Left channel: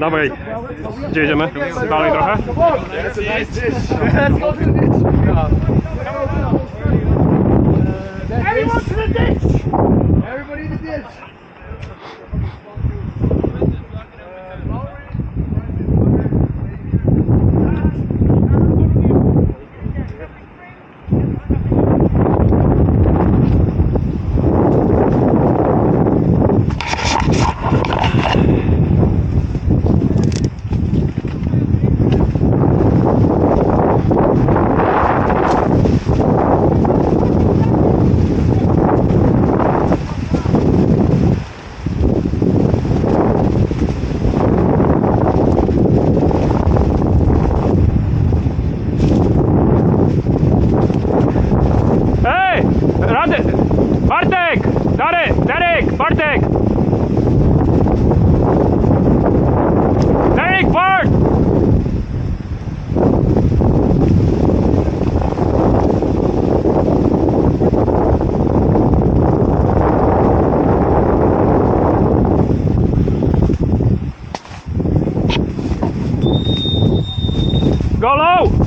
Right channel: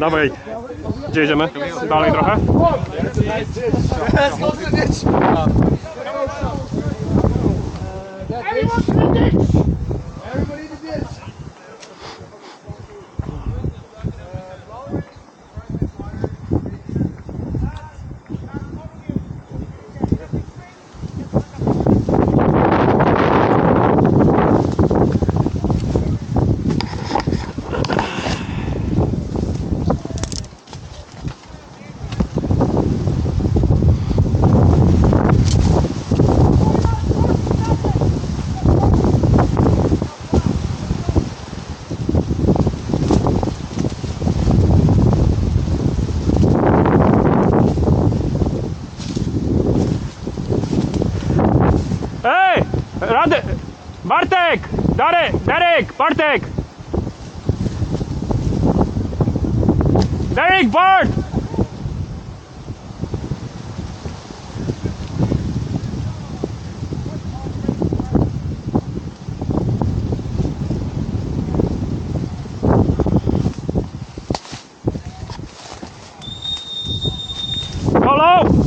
Dawaj, gdzie jedziemy? Dalej trochę? Let's go to the ditch. Everyone to the ditch. Everybody in the ditch. Ej! Rady! Bartek! Derek! Bartek! Derek! Bart! Go low!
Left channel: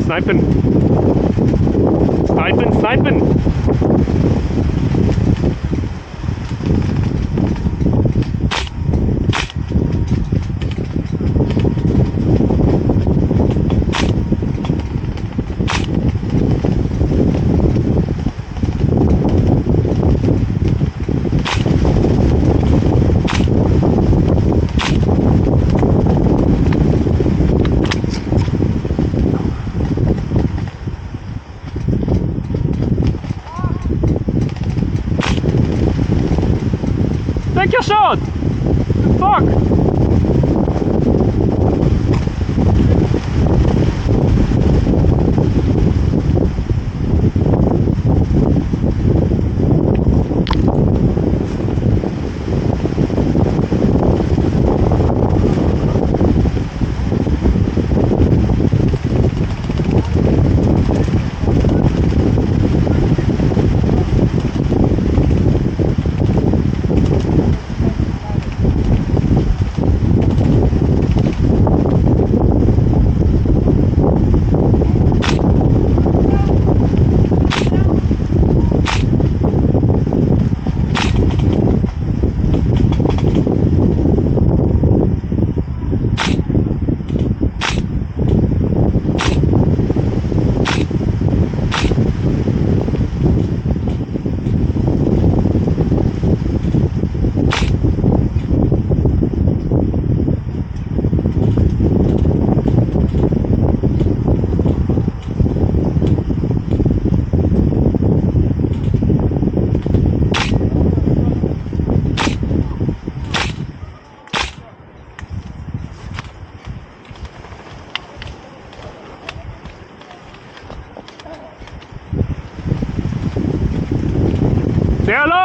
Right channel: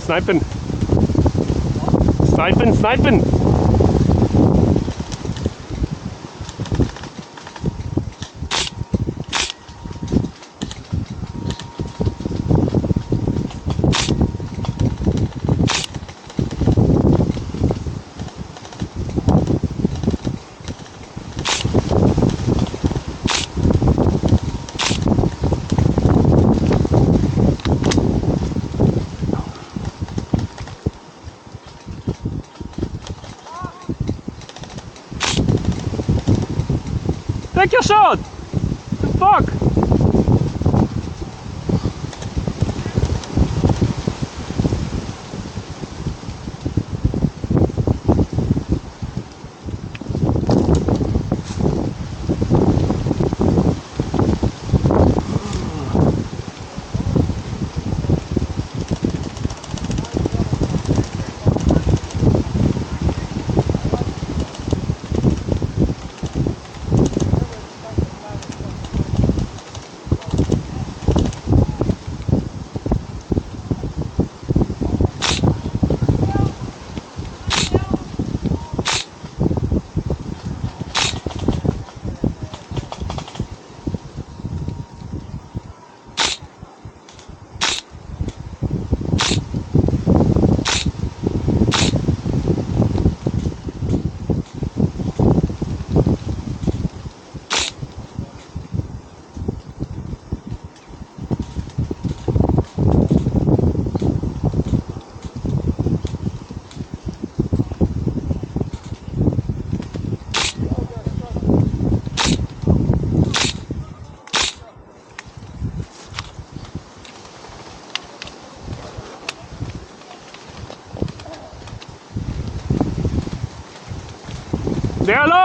Sniping. Take your shot! Fuck!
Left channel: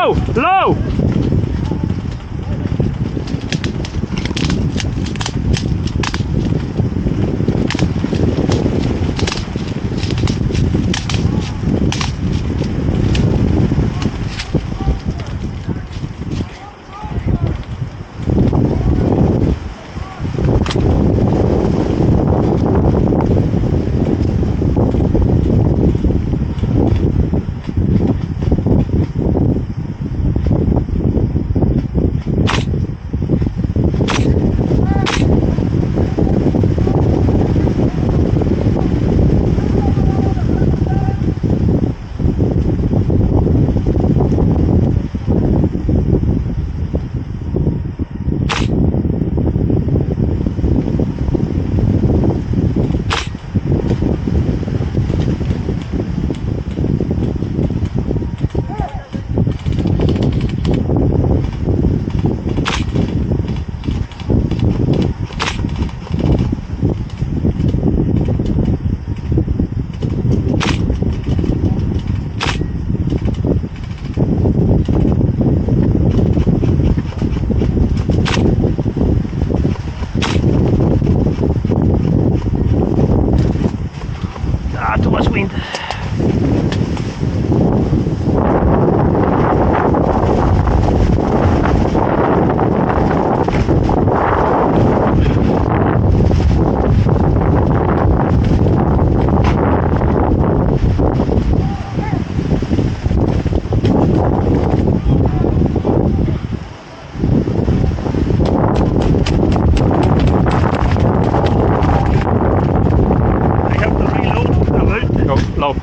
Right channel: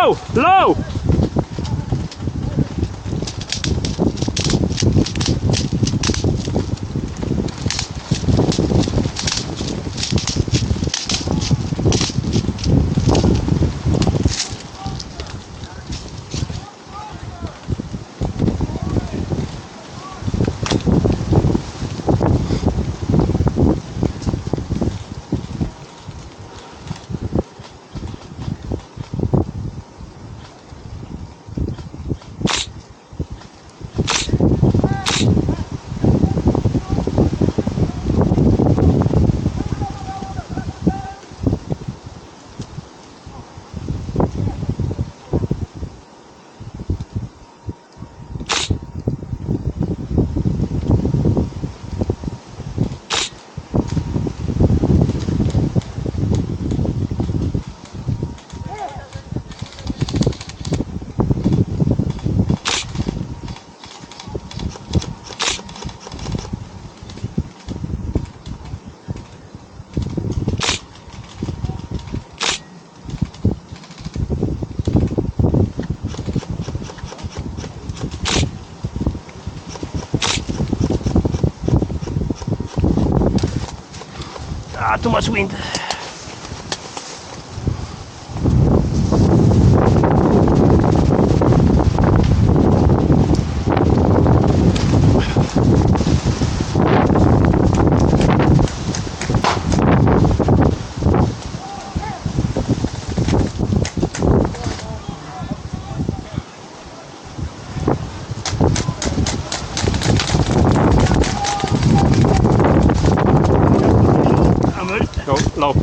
low, low. Ah, too much wind. Go, low.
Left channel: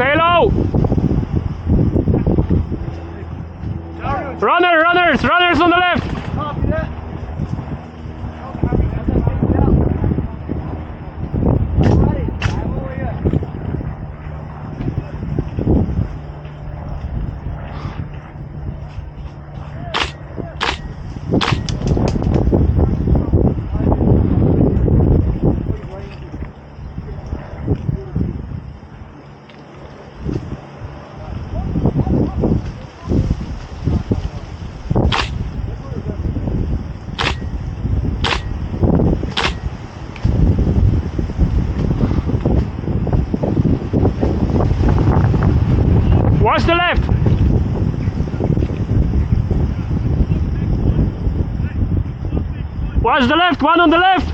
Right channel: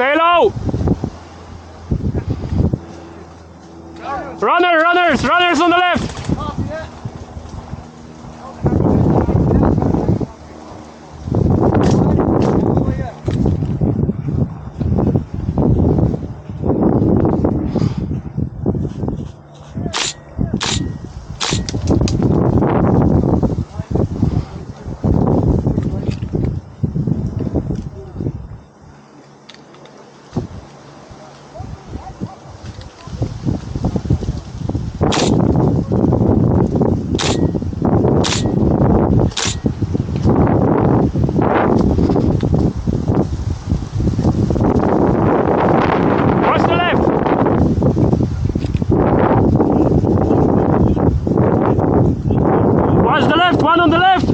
Stay low. Runners on the left. Watch the left. Watch the left, one on the left.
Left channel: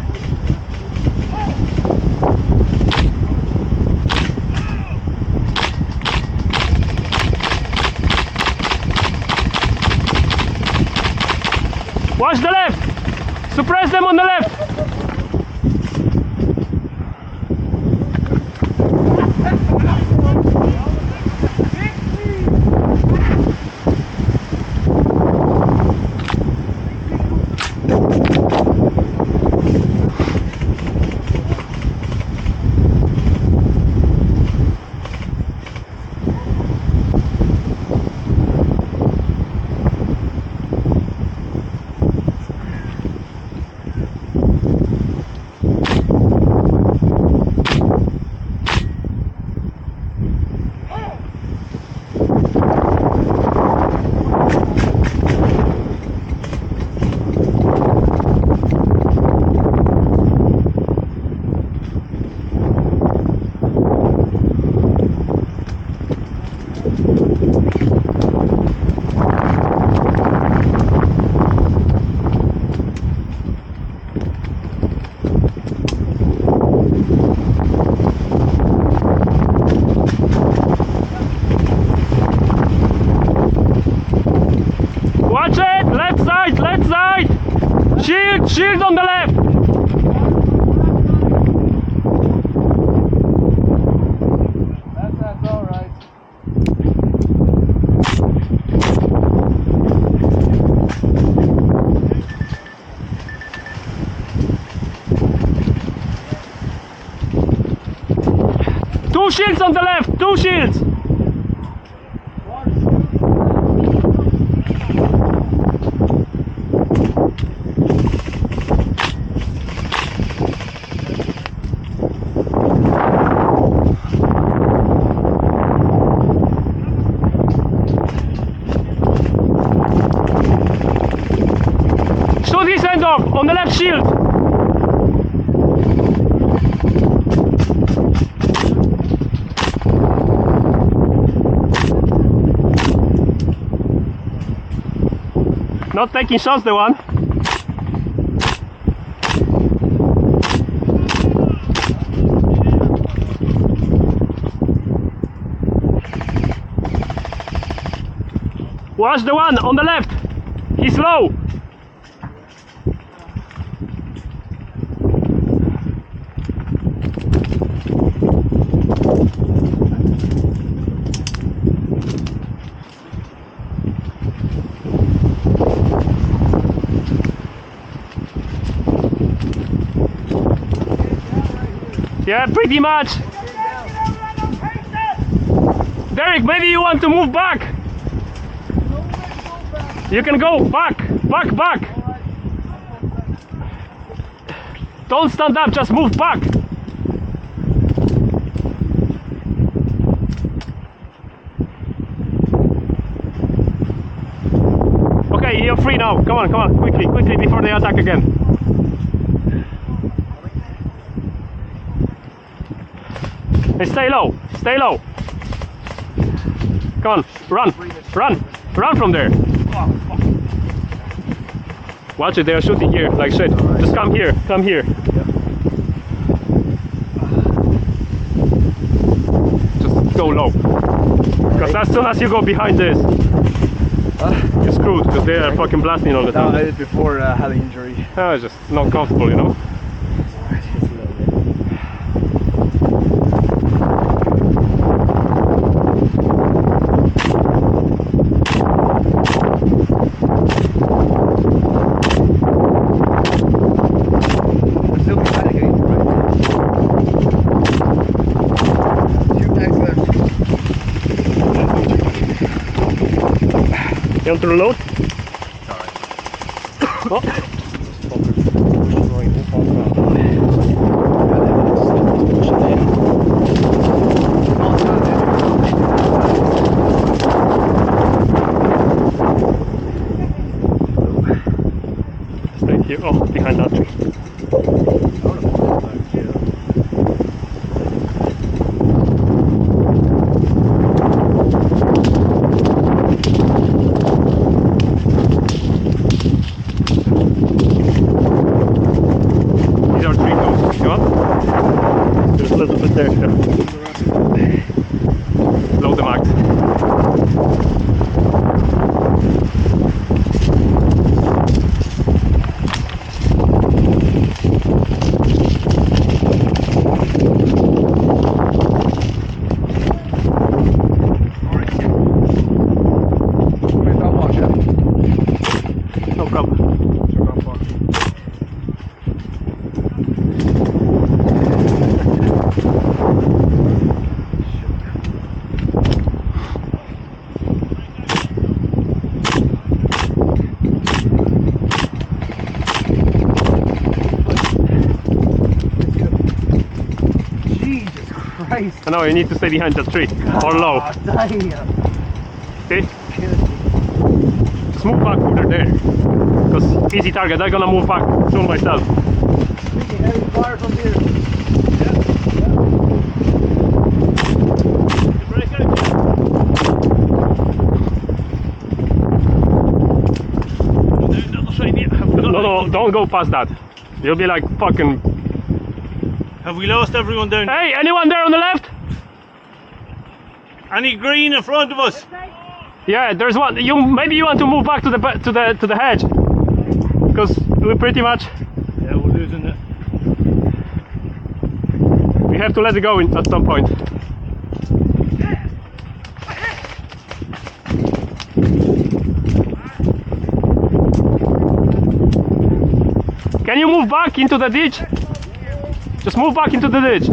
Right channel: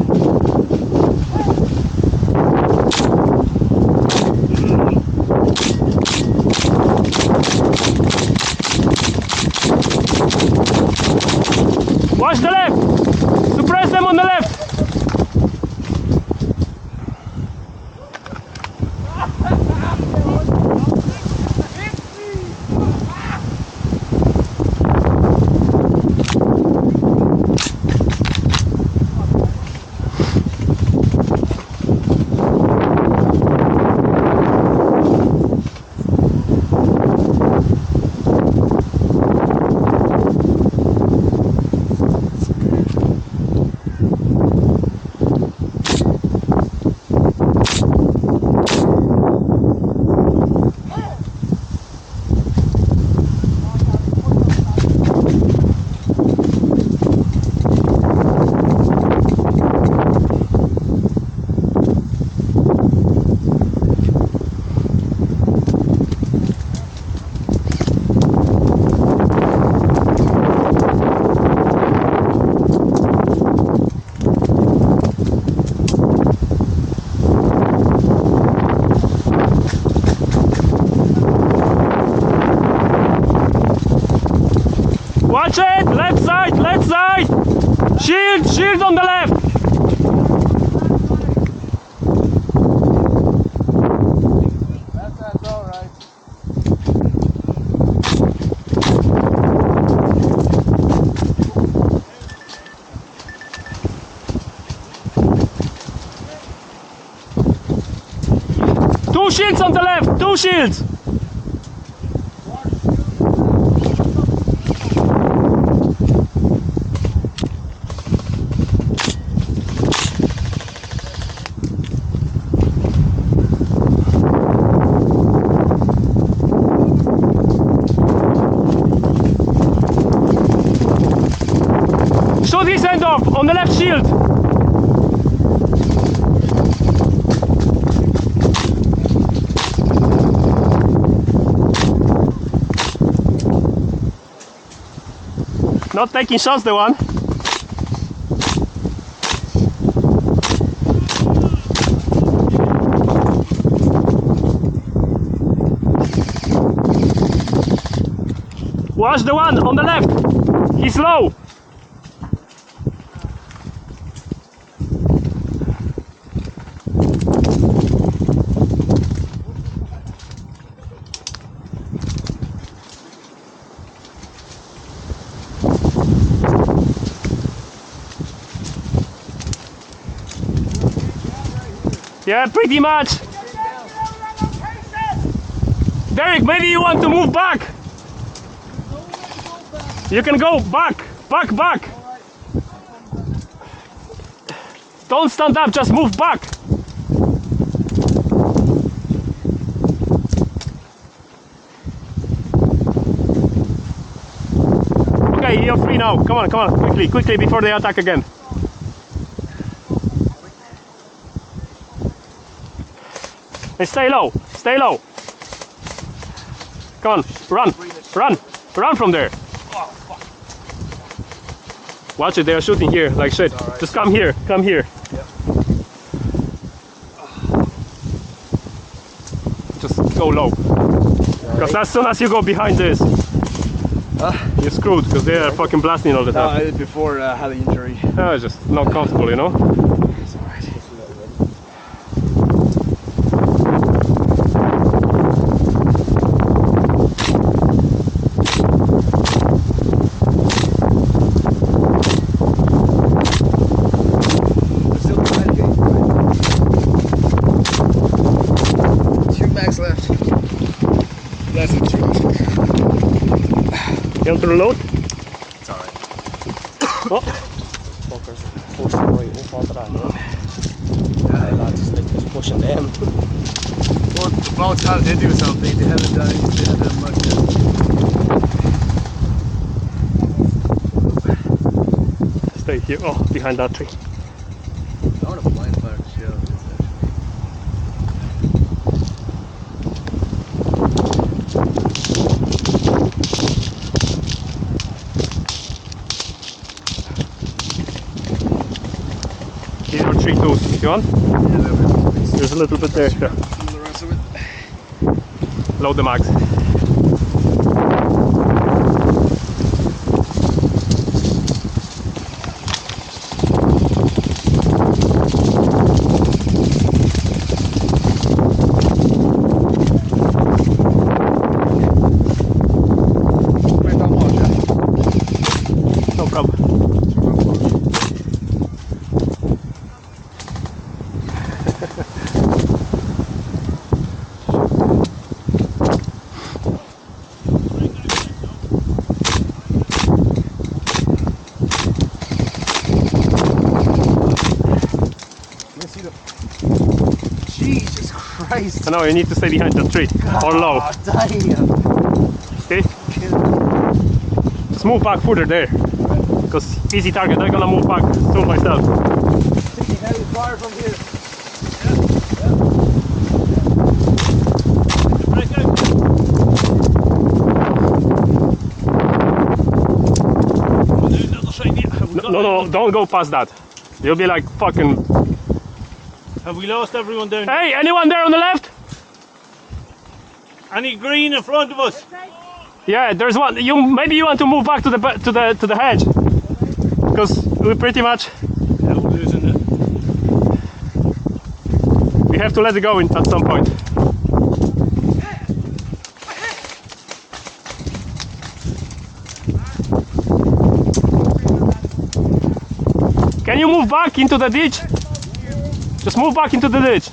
Watch the left. Suppress them on the left. Watch it! Left side! Left side! Shield! Shield on the left! shields on the left, 2 shields. Shoot his hand off on the left shield. Not taking shots, the one. Watch the one on the left. He's low. Yeah, pretty much. Derek, maybe you want to move back. You can go back. Don't stand up, just move back. Okay, you're free now. Come on, quickly before they attack again. Hey, stay low. Come on, run from there. Watch it, they are shooting here like shit. Right. Just come here. Yep. Just go low. Because as soon as you go behind this, you're screwed, because they are fucking blasting all the time. I did before having injury. It's just not comfortable, you know? You want to reload? It's alright. Oh. Oi, hoe valt het aan? Push it in. Well, it's not to do something. Stay here. Oh, behind that tree. There's a little bit there. Load the mags. No problem. Christ. No, you need to stay behind the tree or low. Damn. Okay? Just move back further there. Because easy target, I'm gonna move back soon myself. Heavy fire from here. No, don't go past that. You'll be like fucking... Have we lost everyone down? Hey, anyone there on the left? Any green in front of us? Yeah, there's one. Maybe you want to move back to the hedge, because we're pretty much. Yeah, we're losing it. We have to let it go at some point. Can you move back into the ditch? Just move back into the ditch.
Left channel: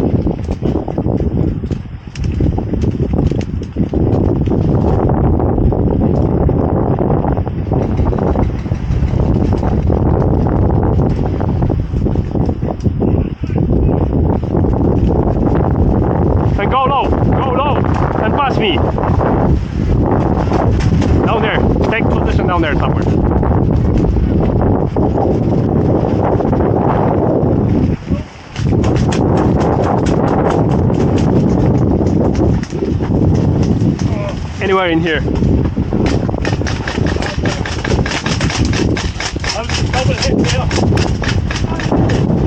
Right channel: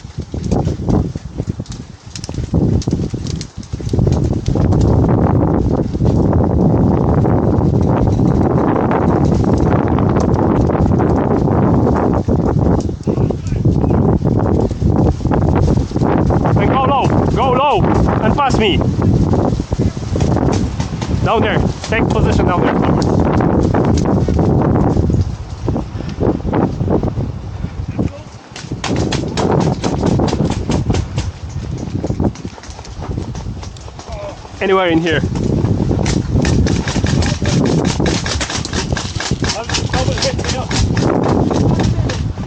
Go low and pass me. Down there. Take position down there somewhere. Anywhere in here. I'll double hit there.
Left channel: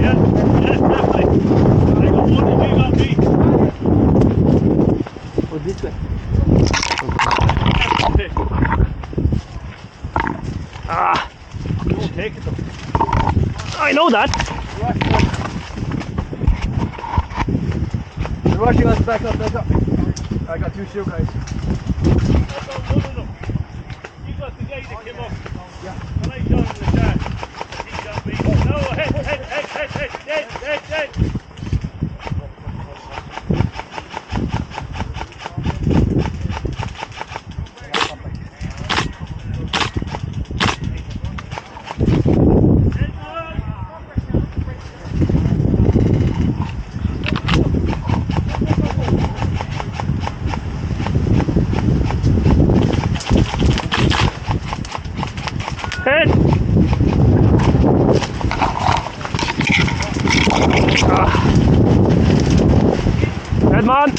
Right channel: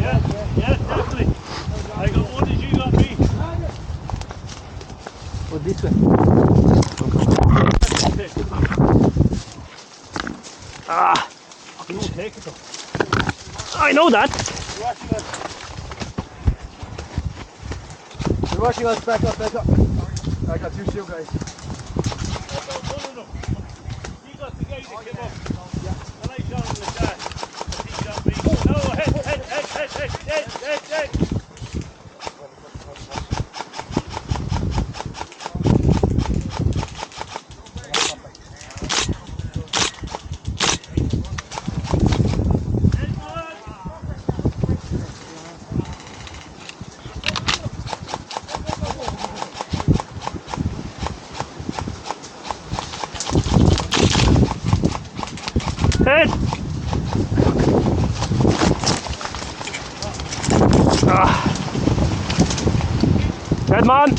Yeah, definitely. I got one and you got me. What did you Okay. Ah, You won't take it though. I know that. You're rushing us, back up, back up. I got 2 shield guys. That's not one of them. You got the guy that came up. Yeah. And I shot him in the chest. He shot me. No, head. Head. Head man.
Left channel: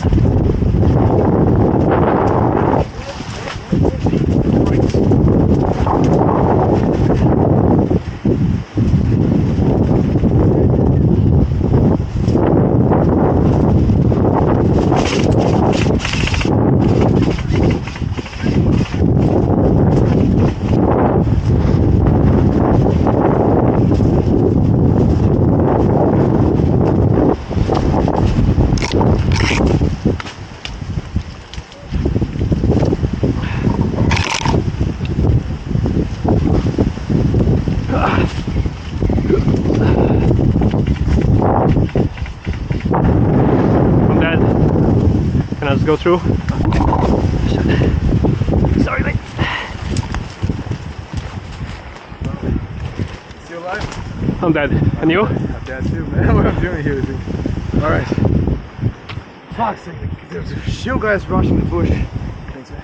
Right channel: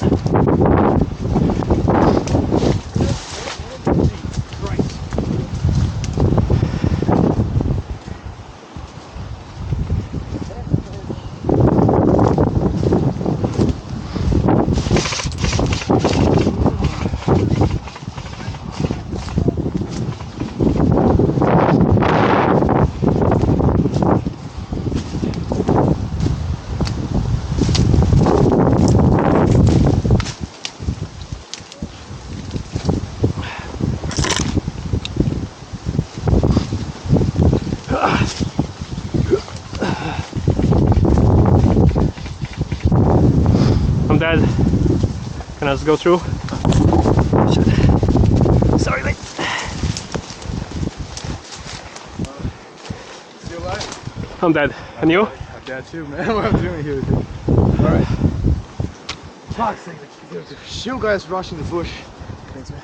I'm dead. Can I just go through? Sorry, mate. Still alive? I'm dead. And you? I'm dead too, man. What I'm doing here. Alright. Fuck's sake. There's a shield guys rushing the bush. Thanks, man.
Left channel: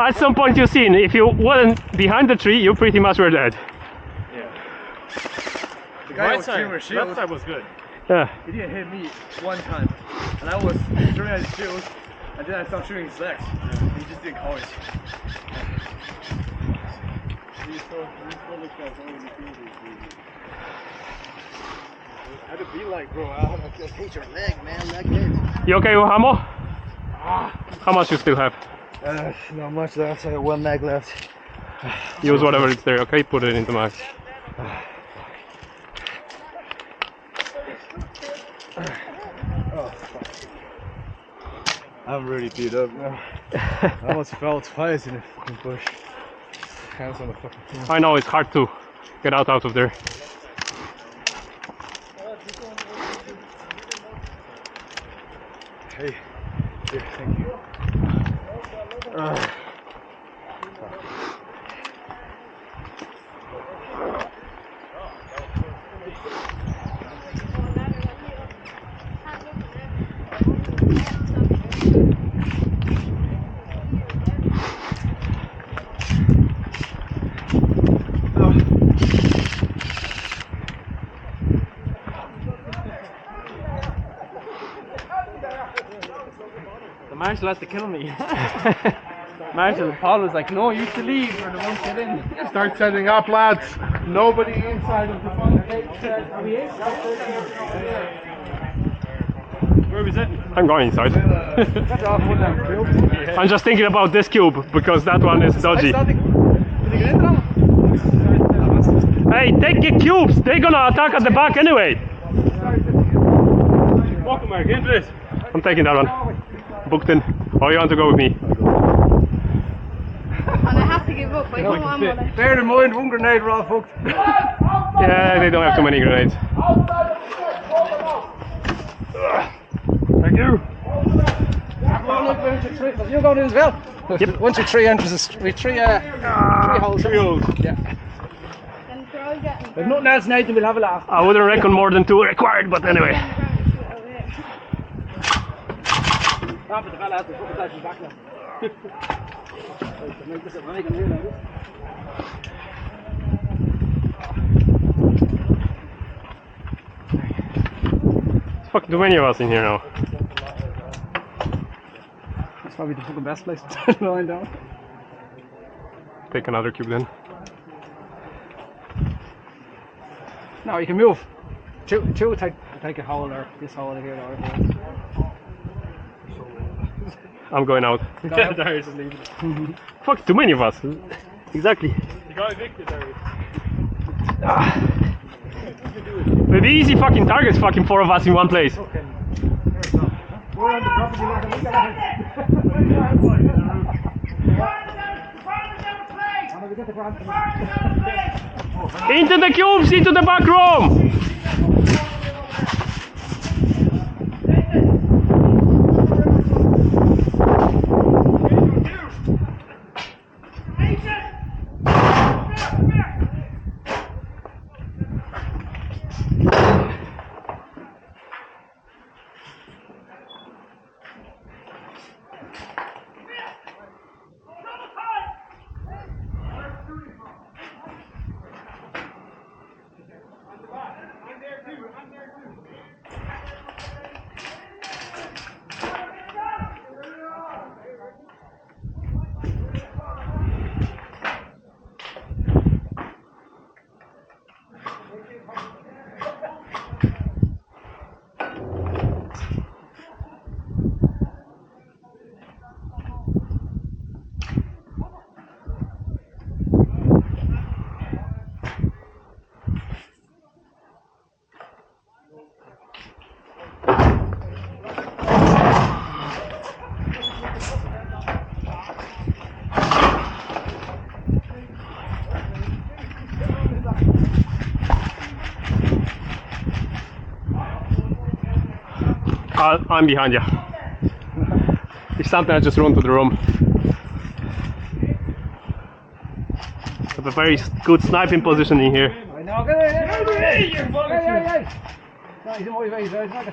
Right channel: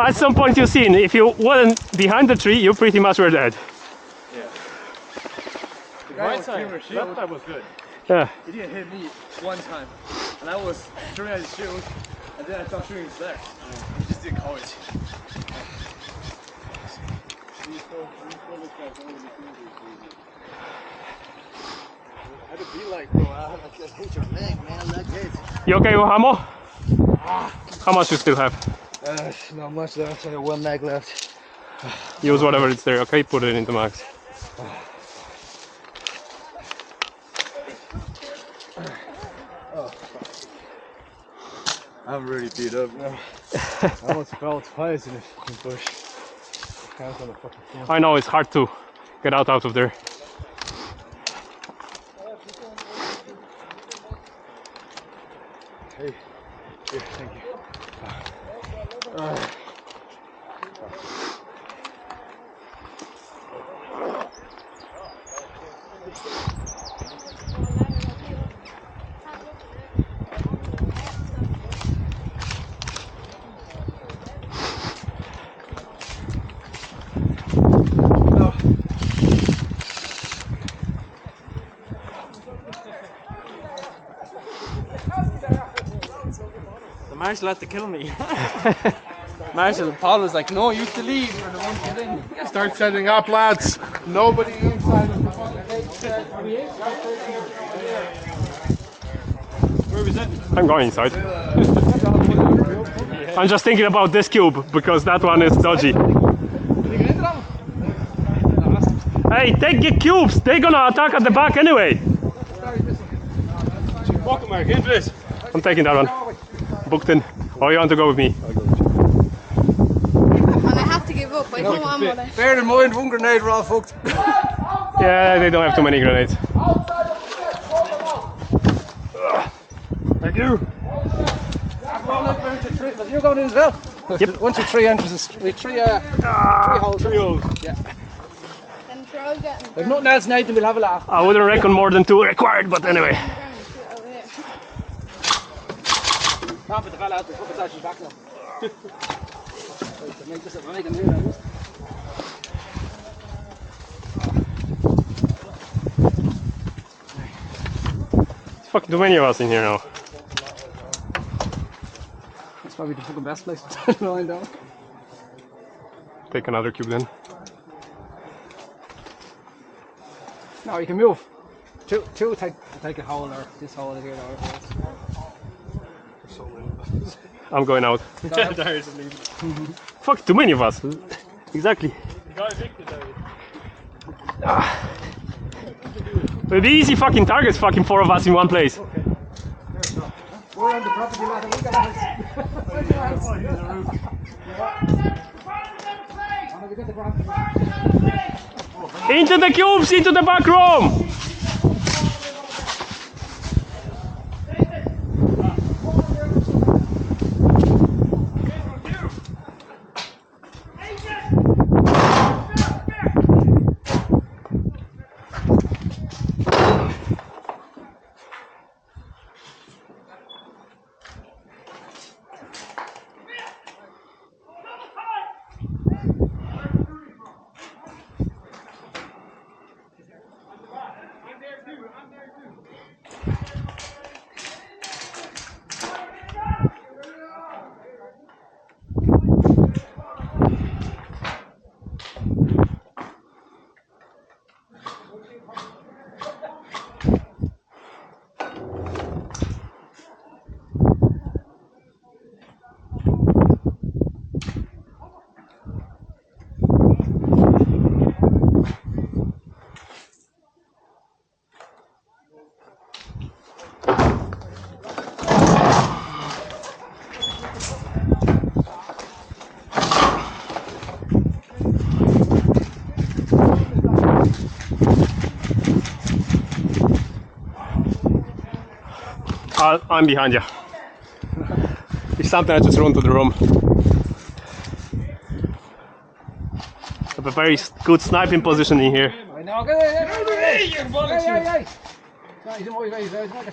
At some point you've seen, if you weren't behind the tree, you pretty much were dead. The guy was shooting a shield. That side was good. Yeah. He didn't hit me one time. And I was shooting at his shield. And then I started shooting his legs. He just didn't call it. How to be like, bro? I hate your leg, man. Like this. You okay with ammo? How much you still have? Not much left. I got 1 mag left. Use whatever is there, okay? Put it into max. I'm really beat up now. I almost fell twice in the fucking bush. Hands on the fucking floor. I know it's hard to get out of there. Hey, here, thank you. The marshal had to kill me. Marshal, Paul was like, no, you have to leave, you're the one to get in. Start setting up, lads. Nobody inside of the fucking gate. Where was it? I'm going inside. I'm just thinking about this cube because that one is dodgy. Hey, take the cubes! They're gonna attack at the back anyway. Fucking Mark, into this. I'm taking that one. Booked in. Or you want to go with me? up. I come on with it. Bear in mind, one grenade, we're all fucked. Yeah, they don't have too many grenades. Thank you. You're going in as well? Yep. 1, 2, 3 entrances. We three holes. 3 holes. Yeah. And try getting If nothing else, Nathan, we'll have a laugh. I wouldn't reckon more than 2 required, but anyway. on the ground and shoot over here. Ah, but the fella has to put his actually back now. Make this a wagon here now. There's fucking too many of us in here now. That's probably the fucking best place to lie down. Take another cube then. No, you can move. Two take a hole or this hole here or I'm going out. Darius is leaving. Fuck, too many of us. Exactly. You got evicted, Darius. It'll be easy fucking targets, fucking 4 of us in one place. we're on the property line. We got Into the cubes, into the back room! I'm behind you. If something, I just run to the room. I have a very good sniping position in here. I know,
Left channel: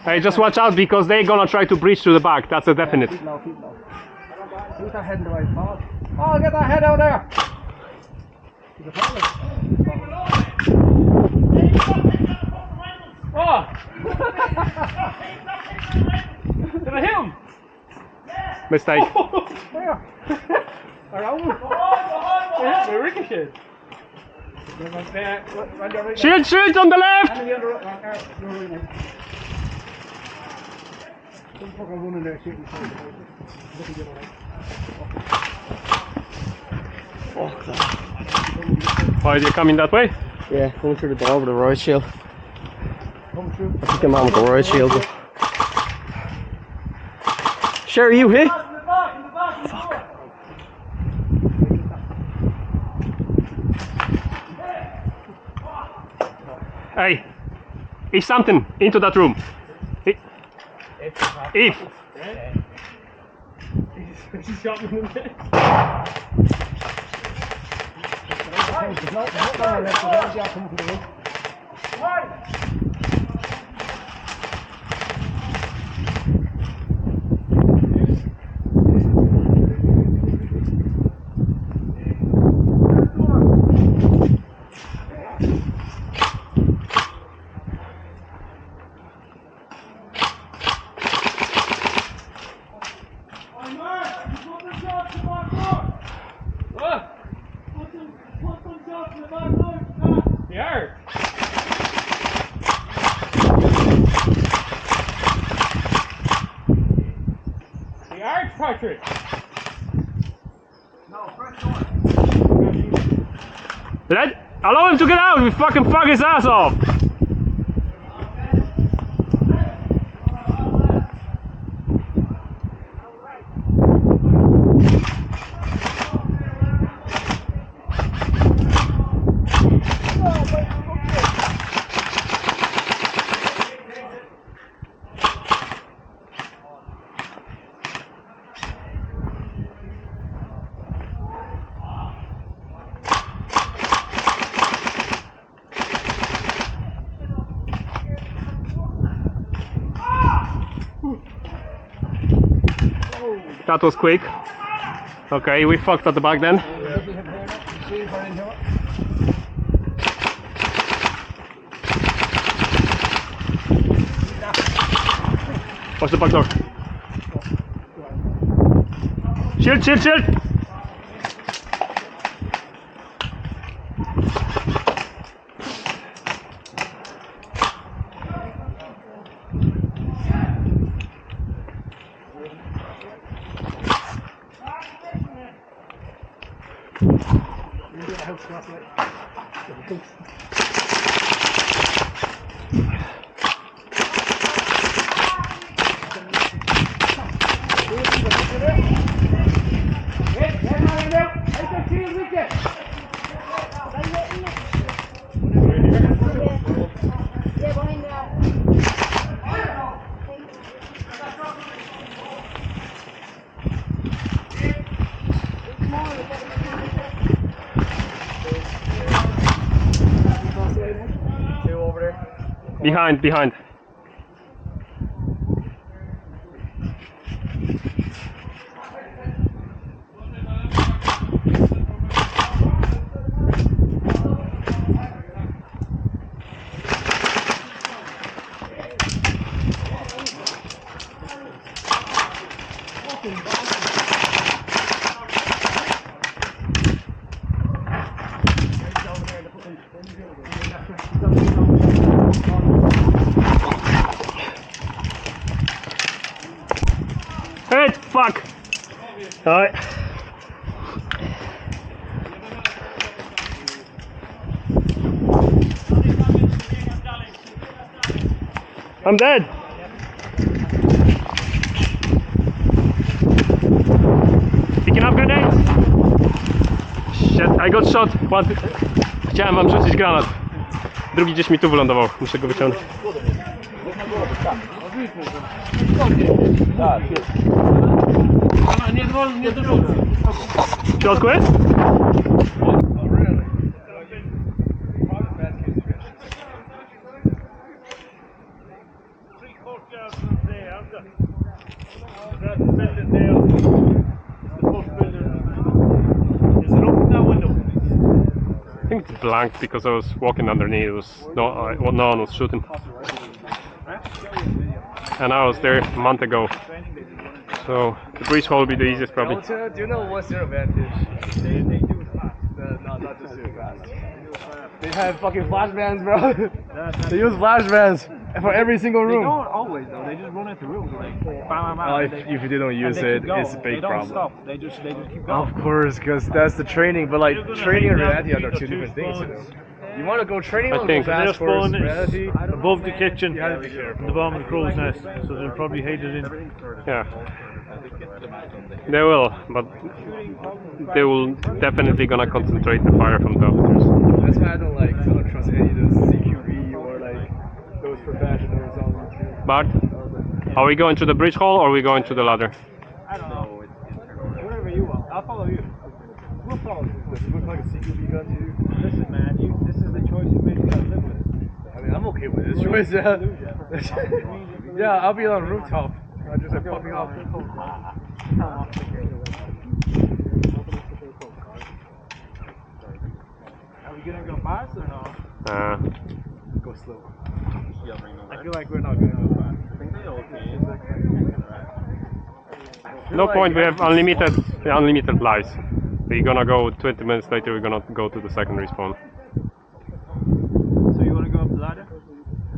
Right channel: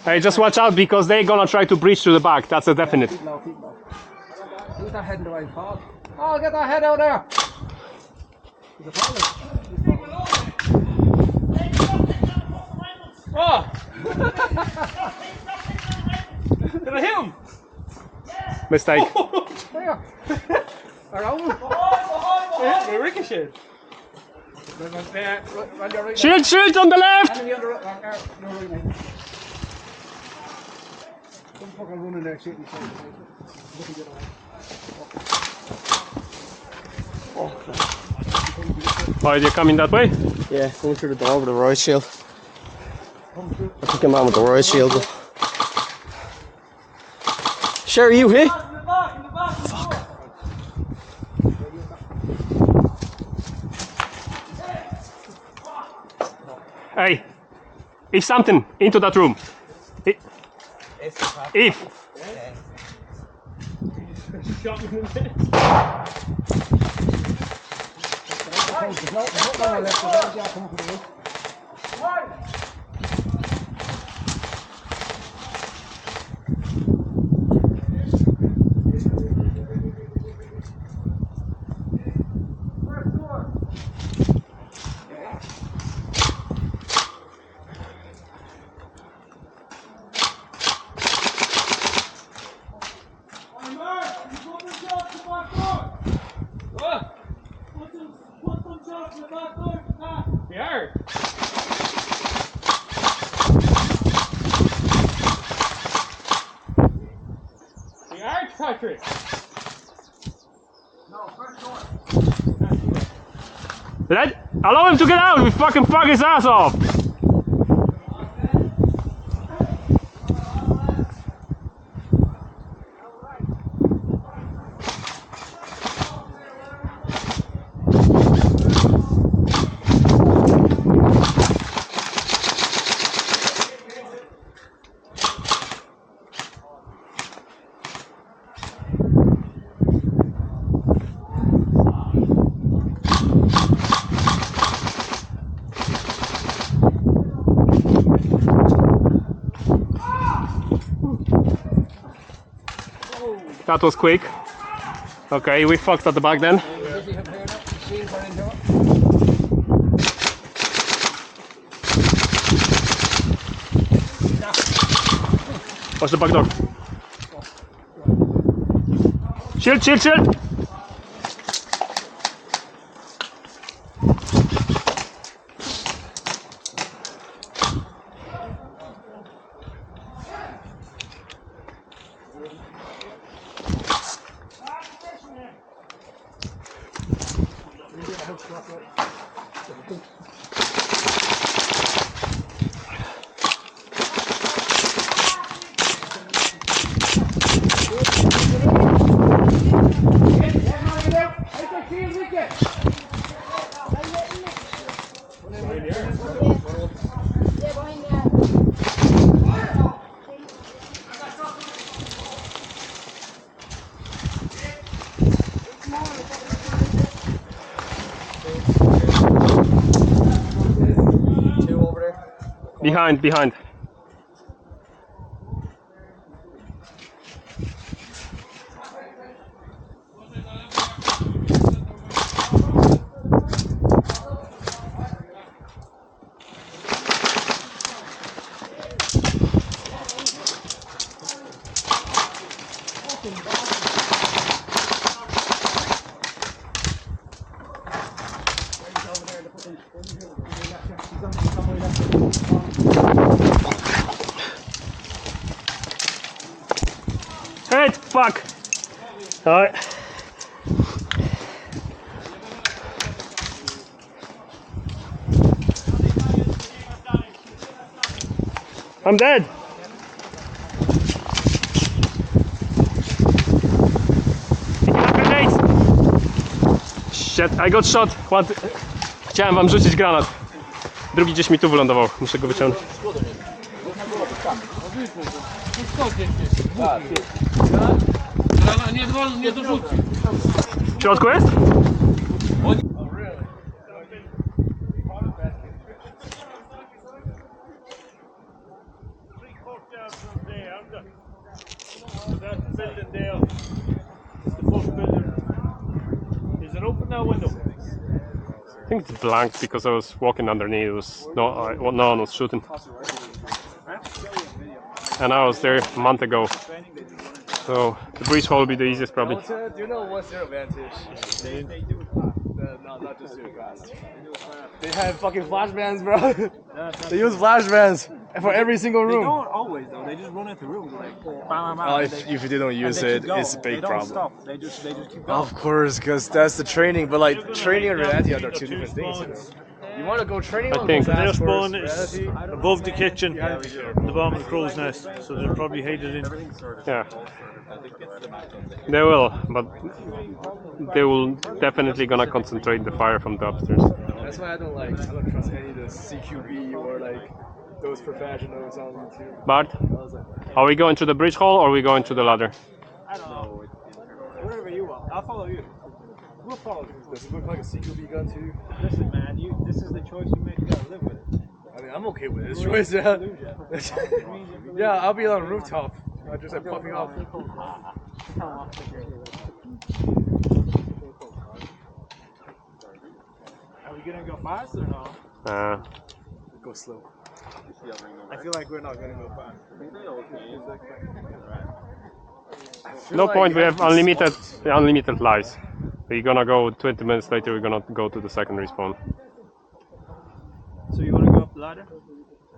Hey, just watch out because they're gonna try to breach through the back. That's a definite. Keep low, keep low. Who's that head in the right spot? Oh, get that head out there! He's a problem. Oh! Did I hit him? Mistake. Where? Around? Yeah, the ricochet. Shield, shield on the left! Don't fucking run in there shooting. Why are you coming that way? Yeah, going through the door with the riot shield. I think I'm on with the riot shield. Sure, you hit? Fuck. Hey, if something into that room. If. Shot me in the head. Patrick! Allow him to get out! We fucking fuck his ass off! That was quick. Okay, we fucked at the back then. Watch the back door. Shield, shield, shield! Yeah, behind that. Two over there. Behind, behind. Hey, fuck! Alright. I'm dead! Picking up grenades! Shit, I got shot! What? Chciałem wam rzucić granat. Drugi gdzieś mi tu wylądował. Muszę go wyciągnąć. W środku jest? I think it's blank because I was walking underneath. It was no one was shooting, and I was there a month ago. So the breach hole will be the easiest probably. Do you know what's their advantage? They do not just do it fast. They have fucking flashbangs, bro. They use flashbangs for every single room. They don't always though. They just run into rooms like bam, bam, bam. Oh, if they don't use it, it's a big they don't problem. Stop. They just keep going. Of course, because that's the training. But like You're gonna training and hang down reality are between two the different two things, you know. spawns. You want to go training I or go think- Their fast first? spawn is Reality. above the kitchen, You have to be careful. the bottom of the crow's nest, so they'll probably hate it in. Yeah, they will, but they will definitely gonna concentrate the fire from the upstairs. That's why I don't trust any of those CQB or like those professionals on YouTube. Bart, are we going to the bridge hall or are we going to the ladder? I don't know. Wherever you want, I'll follow you. We'll follow you. Does it look like a CQB gun to you? Listen, man, this is the choice you made. You gotta live with it. I mean, I'm okay with this choice. Yeah, yeah, I'll be on the rooftop. I'll just like popping off. Are we gonna go fast or no? Go slow. I feel like we're not gonna go fast. No point. We have unlimited lives. We're gonna go 20 minutes later. We're gonna go to the second respawn. So you wanna go up the ladder?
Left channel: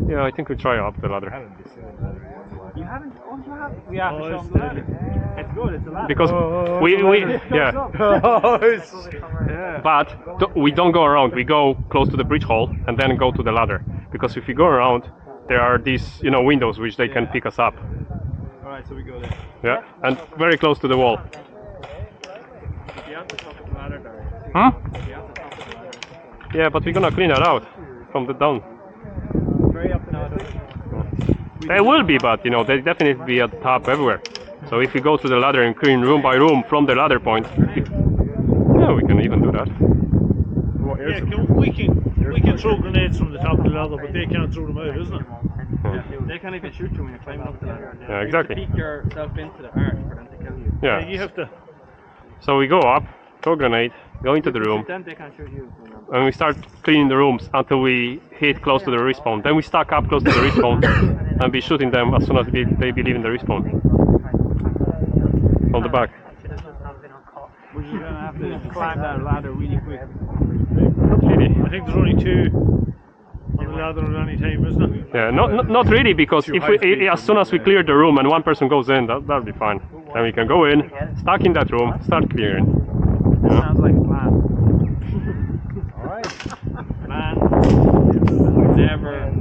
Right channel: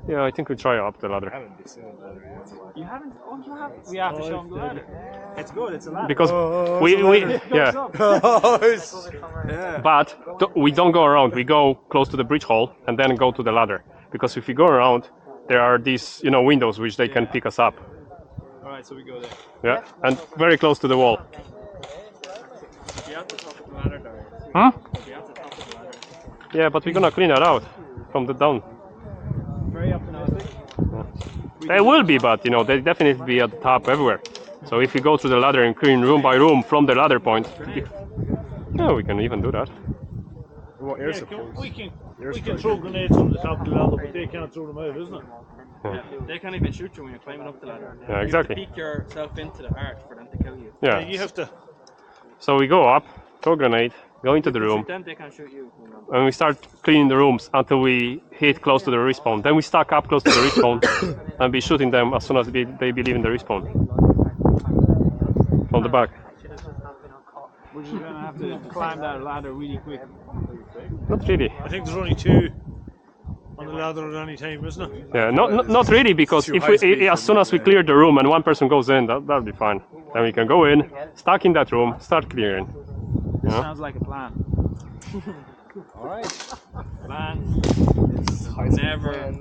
Yeah, I think we try up the I ladder haven't been seeing that yet. You haven't? Oh, you have. We have to show them the ladder. It's good. It's a ladder. because we yeah. Yeah. But we don't go around. We go close to the bridge hall and then go to the ladder. Because if we go around, there are these windows which they can pick us up. All right, so we go there. Yeah, and very close to the wall. You have to top of the ladder, Darren. Huh? You have to top of the ladder. Yeah, but we're gonna clean it out from the down. Very up and out. They will be, but they definitely be at the top everywhere. So if we go to the ladder and clean room by room from the ladder point, yeah, we can even do that. Yeah, we can throw grenades from the top of the ladder, but they can't throw them out, isn't it? Yeah. They can't even shoot you when you're climbing up the ladder. Yeah, exactly. You have to peek yourself into the arch for them to Yeah. You have to. So we go up, throw a grenade, go into the room, Then they can shoot you. and we start cleaning the rooms until we hit close to the respawn. Then we stack up close to the respawn and be shooting them as soon as they believe in the respawn. From the back. We're just gonna have to climb that ladder really quick. Not really. I think there's only 2 on the ladder at any time, isn't it? Yeah, not really, because if we, as soon as we clear the room and one person goes in, that'll be fine. Then we can go in, stack in that room, start clearing. This sounds like a plan. Alright. Plan. Never.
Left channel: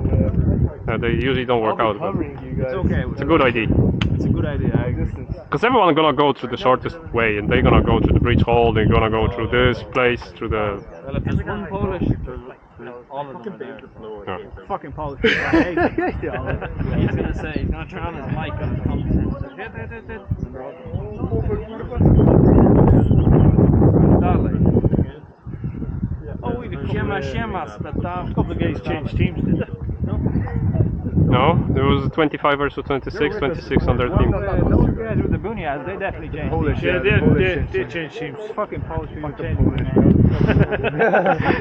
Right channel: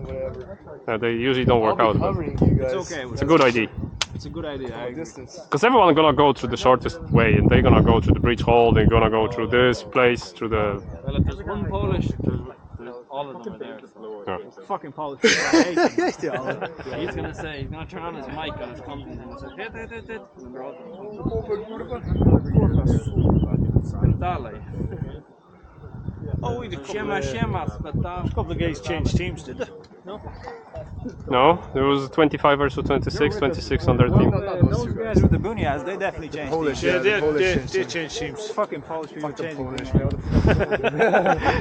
They usually don't work out, but It's okay. it's a good idea. It's a good idea. I agree. Because everyone's gonna go through the shortest way, and they're gonna go through the bridge hall, they're gonna go through this place, through the... Well, if there's one Polish, there's all of them are there. Yeah. Fucking Polish. I hate him. He's gonna say, he's gonna turn on his mic on his content and say, hit. And they're all dalej. Oh, Siema, spytam. a couple of guys changed teams, did they? No, there was 25 versus 26, 26 on their team. Those guys with the bunyias, they definitely changed. Polish, Yeah, Polish. they changed teams. Fucking Polish people change.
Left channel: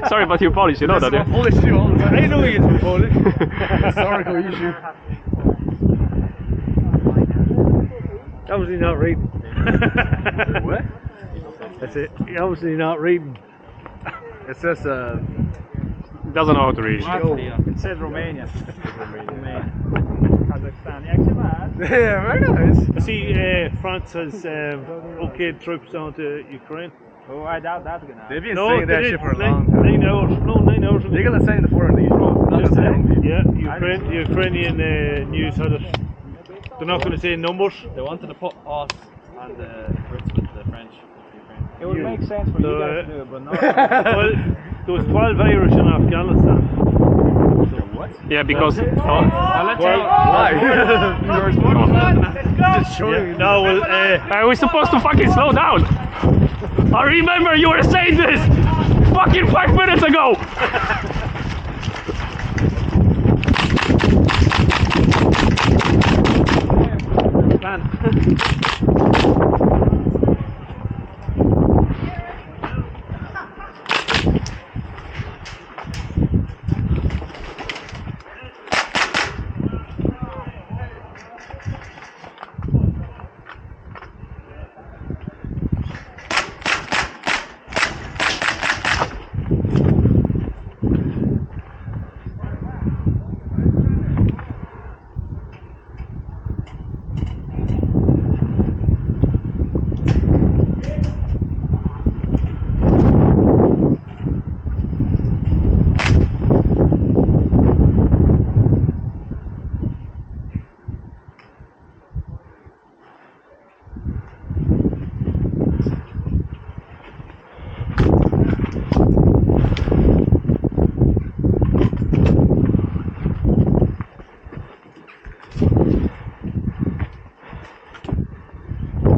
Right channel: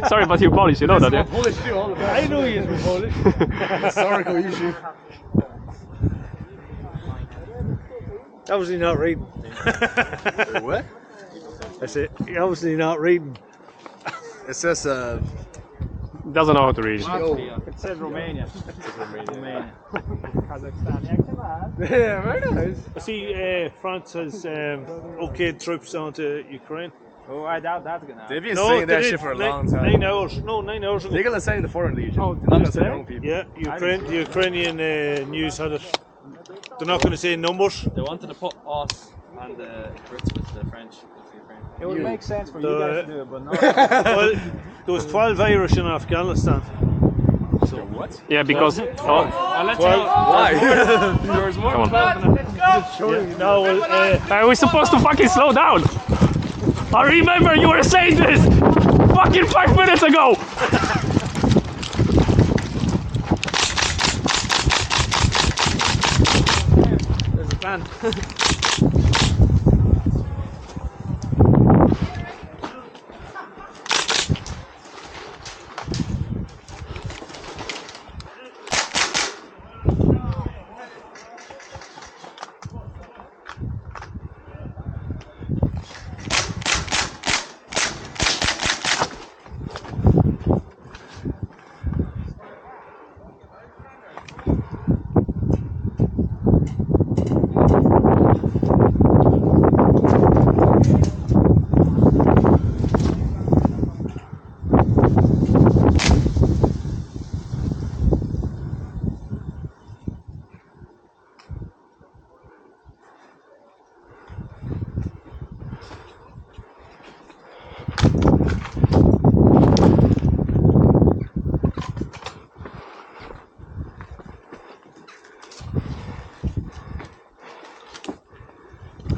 Sorry, but you're Polish, you know that, yeah? Polish too, all the time. I know he is Polish. Historical issue. Obviously not reading. What? I said, you're obviously not reading. It says Doesn't know how to read. It says Romania. Kazakhstan. Yeah, come on. yeah, very nice. I see France has okayed troops down to Ukraine. Oh, I doubt that's gonna happen. They've been saying that shit for a long time. 9 hours. No, 9 hours. They're gonna say in the Foreign Legion. Not just the young people. Yeah, the Ukrainian news had it. They're not going to say numbers. They wanted to put us on the Brits with the French. It would make sense for you guys to do it, but not. Well, there was 12 Irish in Afghanistan. So what? Yeah, because... Let's Why? There's more than 12. Yeah, no, well, we're supposed to fucking slow down! I remember you were saying this fucking 5 minutes ago!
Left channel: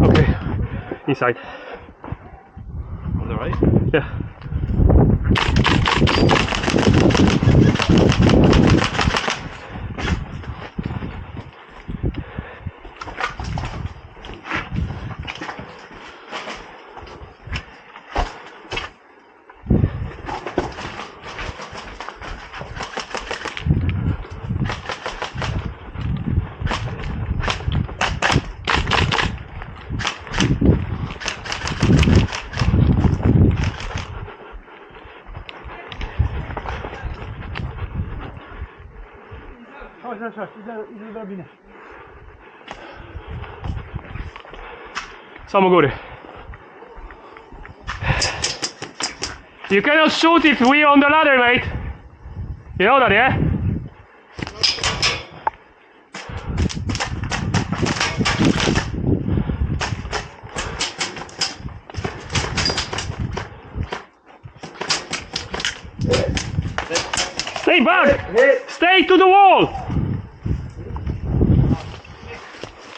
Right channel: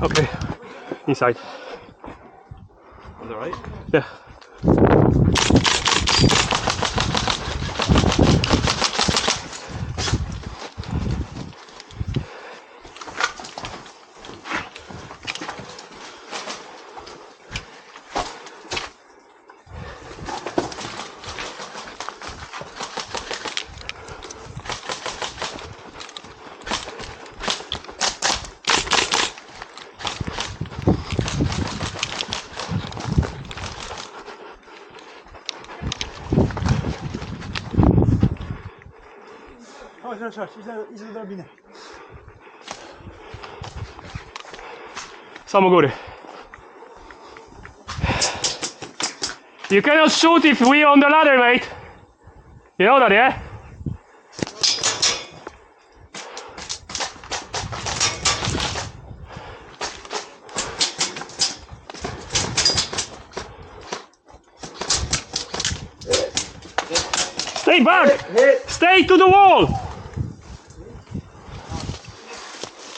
Okay, inside. On the right? Yeah. Samogóry. You cannot shoot if we're on the ladder, mate. You know that, yeah? Stay back! Stay to the wall!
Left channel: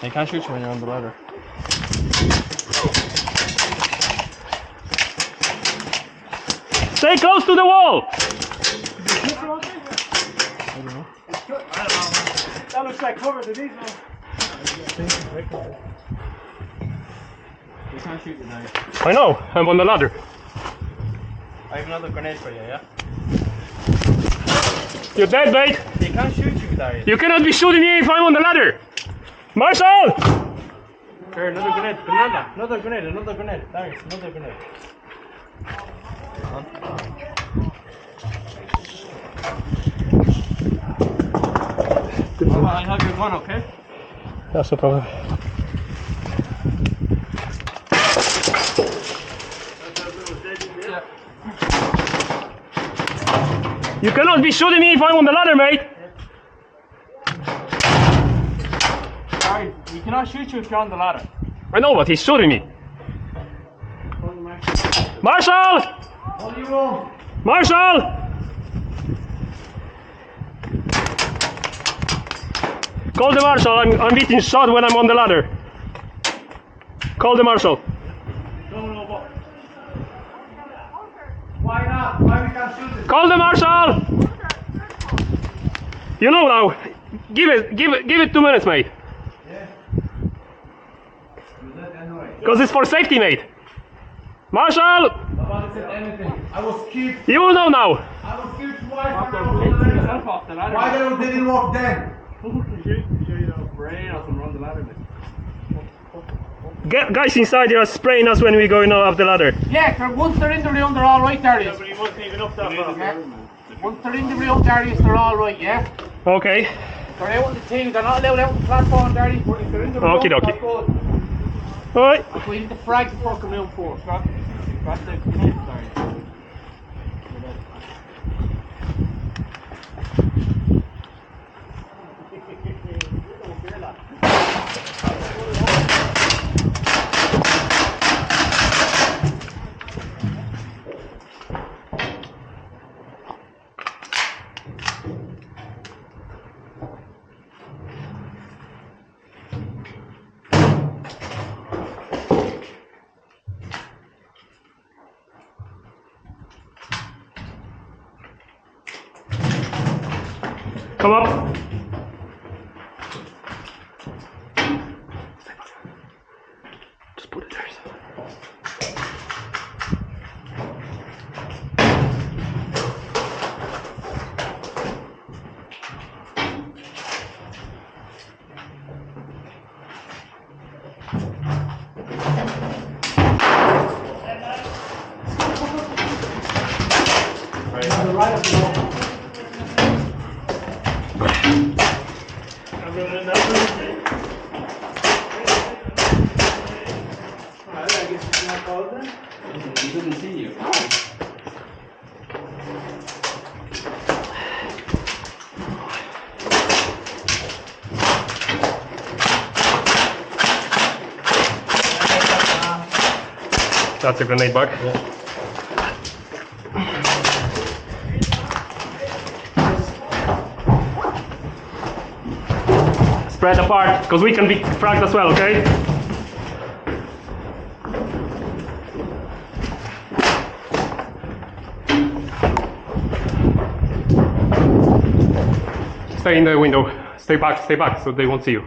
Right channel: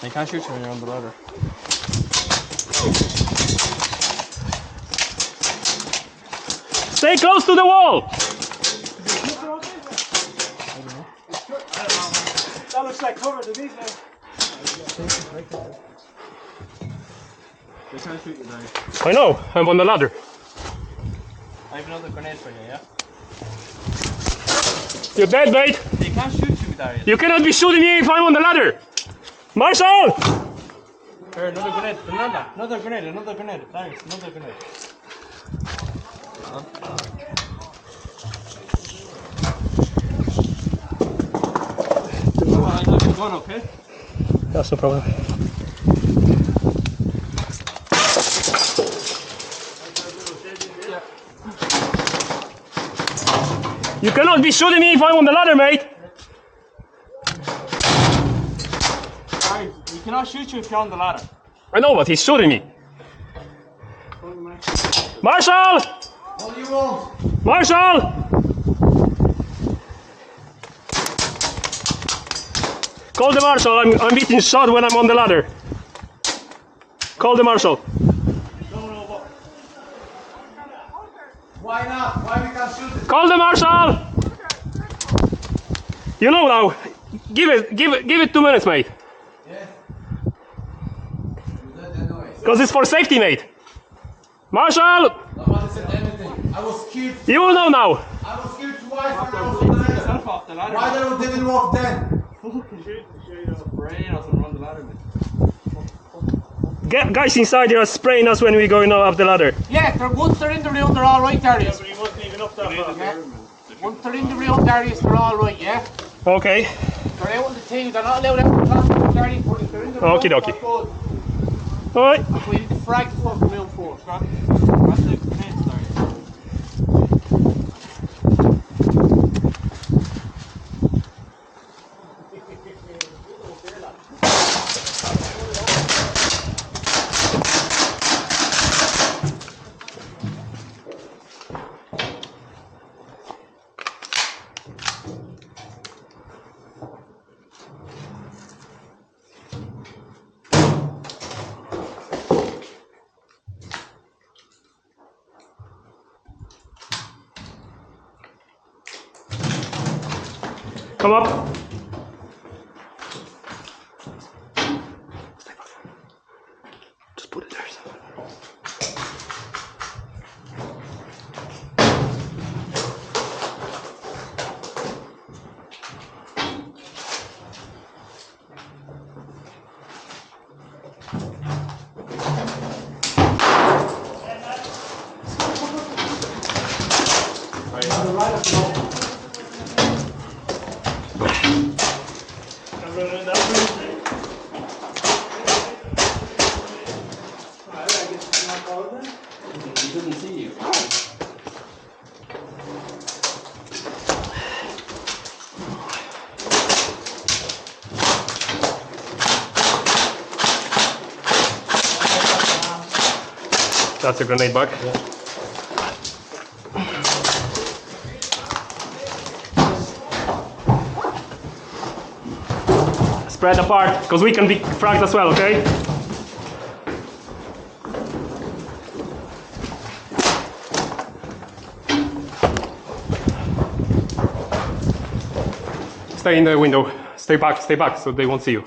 They can't shoot you when you're on the ladder. Stay close to the wall! that looks like cover to these now. They can't shoot you now. I know, I'm on the ladder. I have another grenade for you, yeah? You're dead, mate. They can't shoot you, Darius. You cannot be shooting me if I'm on the ladder. Marshall! Here, another grenade. Another grenade. Darius, another grenade. Oh, I have your gun, okay? That's no problem. Yeah. You cannot be shooting me if I'm on the ladder, mate. Darius, he cannot shoot you if you're on the ladder. I know, but he's shooting me. Marshall! What do you want? Marshall! Call the marshal. I'm getting shot when I'm on the ladder. Call the marshal. Why not? Why we can't shoot it? Call the marshal. You know now. Give it 2 minutes, mate. Yeah. You did that noise. Because it's for safety, mate. Marshal! Nobody said anything. I was kicked. You know now. I was kicked twice when I was on the ladder. Off the ladder. Why they didn't work then? Brain or something on the ladder, mate. Guys inside there are spraying us when we go up the ladder. Yeah, once they're in the room, they're all right, Darius. But he wasn't even up that far. Yeah. Once they're in the room, Darius, they're all right, yeah? Okay. They're out on the team, they're not allowed out on the platform, Darius, but if they're in the room, Okie dokie. they're good. Alright. That's why you need to frag the fucking room first, right? That's the grenade, Darius. Come up. Just put it there. He couldn't see you. That's a grenade bag. Spread apart, because we can be fragged as well, okay? Stay in the window. Stay back, so they won't see you.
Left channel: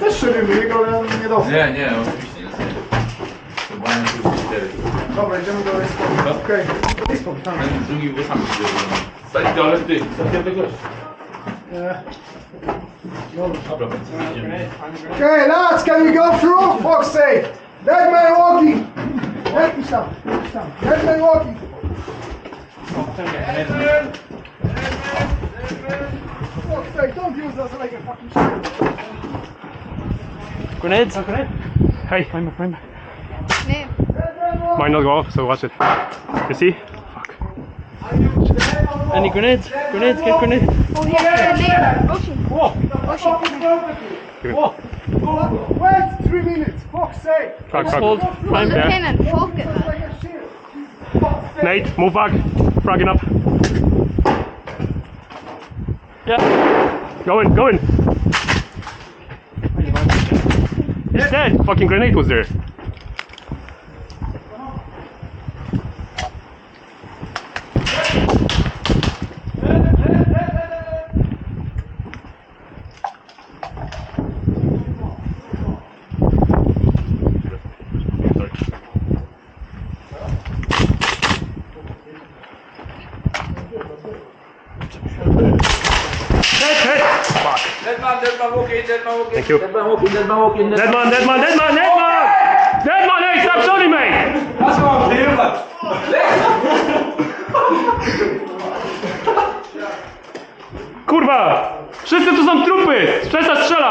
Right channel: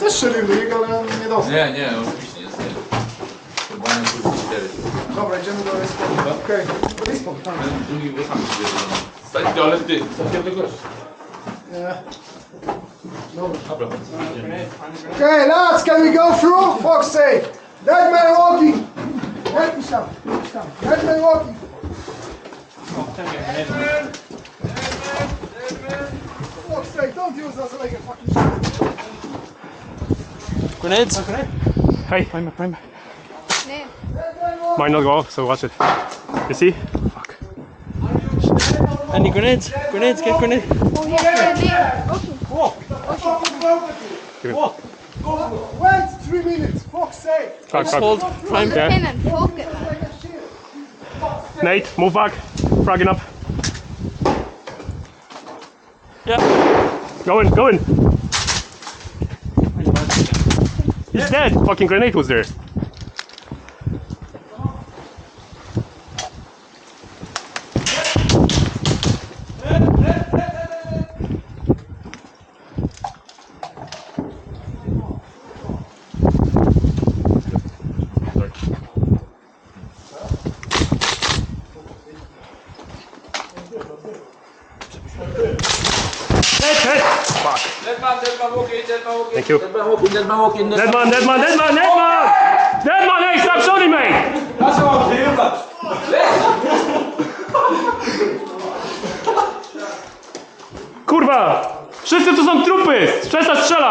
Też się ryby, ale nie dostał. Nie, oczywiście jest. Chyba nie tylko 4. Dobra, idziemy do Airsoft. Okej. Airsoft, tam. Ten drugi włosami się stać, ale ty, stać gość. Nie. Dobra, Okay, lads, can we go through? Fuck's sake! Dead man walking! Let me stop. Dead man walking! Fuck's sake, don't use us like a fucking shit. Grenades? Hey, Name. might not go off, so watch it. You see? Fuck. Any grenades? Grenades, get grenade. Oh, yeah, name. Okay. Whoa! Okay. Give it. Whoa! Wait! 3 minutes, fuck's sake! Tak, tak. Hold prime. The pin and fuck it, man. Nate, move back. Fragging up. Yeah. Go in, go in. He's dead. Fucking grenade was there. Dead man walking, dead man walking. Thank you. Dead man walking, dead man walking. Dead man, dead man, dead man, dead man! Dead man, hey, stop shooting me! That's what I'm doing, man. Kurwa! Wszyscy tu są trupy! Przestań strzelać!